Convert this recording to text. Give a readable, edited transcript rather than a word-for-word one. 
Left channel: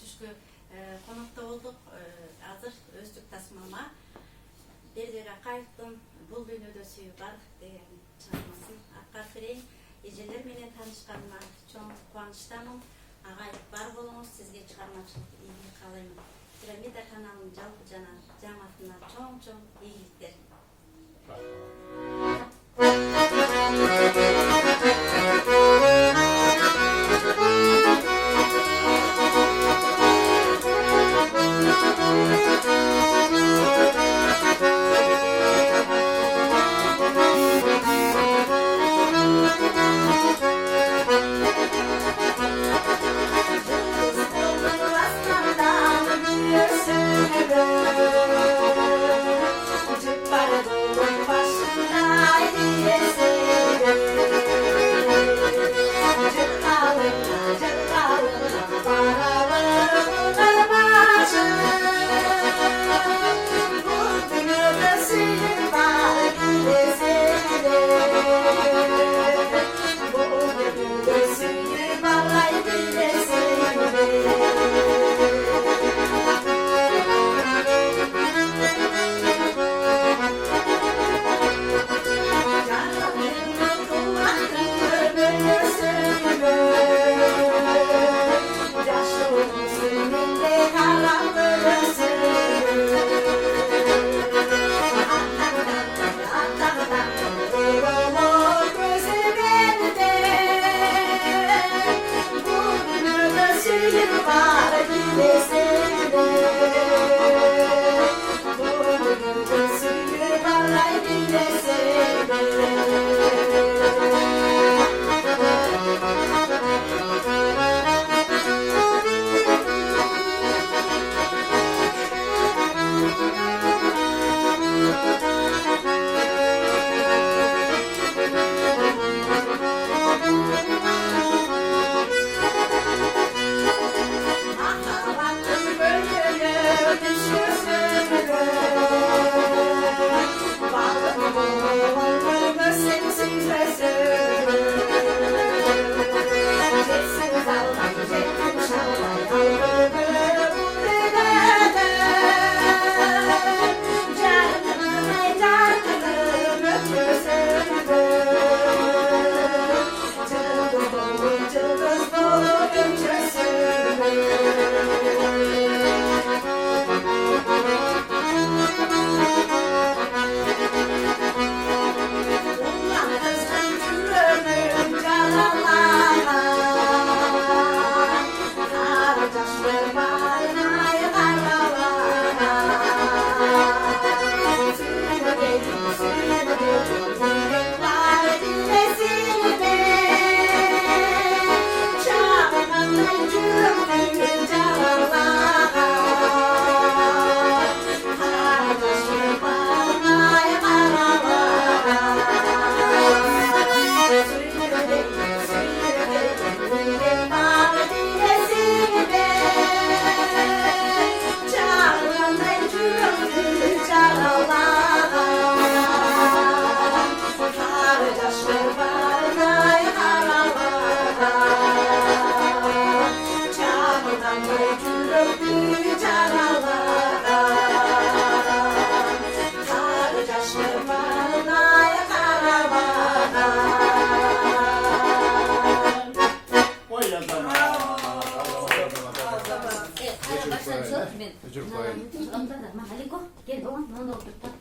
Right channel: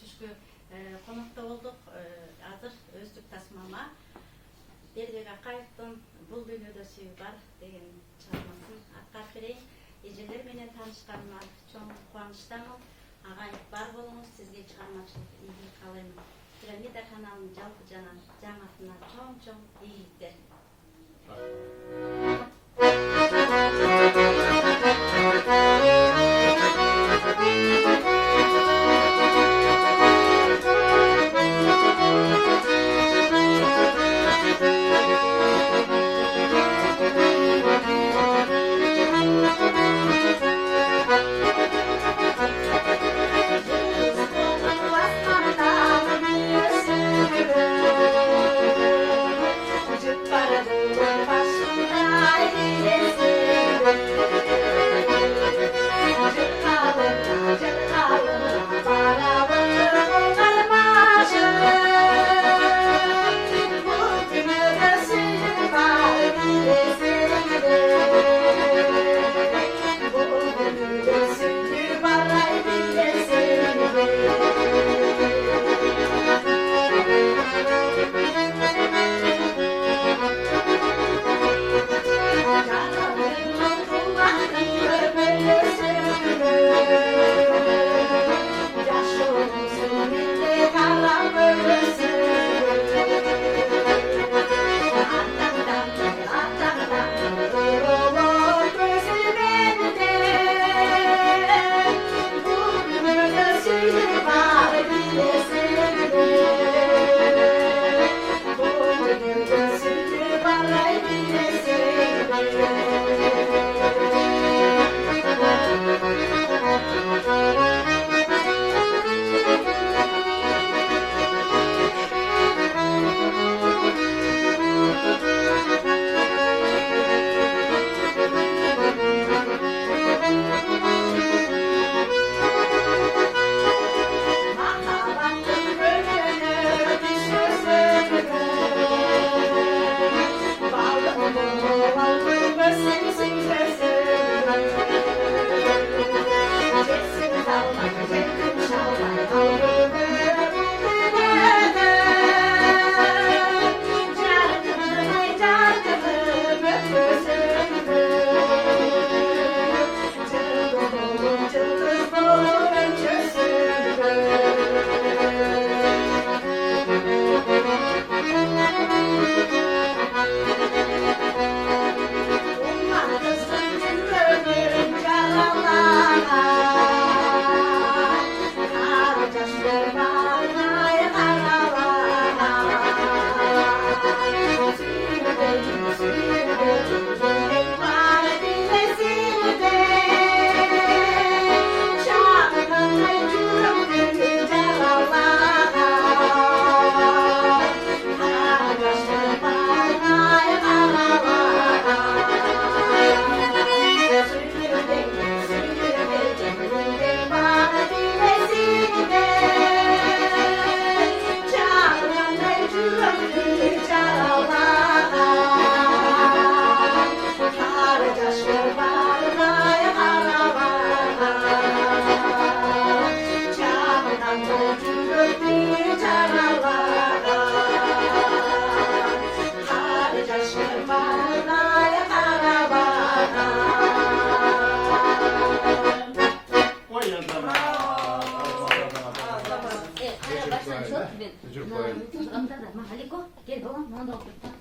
түшкү конокто болдук. Азыр Өздүк тасмама Бердибек Акаевдин «Бул дүйнөдө сүйүү бар» деген чыгармасын аткарып берейин. Эжелер менен таанышканыма чоң кубанычтамын. Агай, бар болуңуз, сизге чыгармачылык ийгилик каалаймын. Пирамида каналынын жалпы жана жамаатына чоң ийгиликтер. Çocuk bayıldı. Gel babam, hadi go. Gel,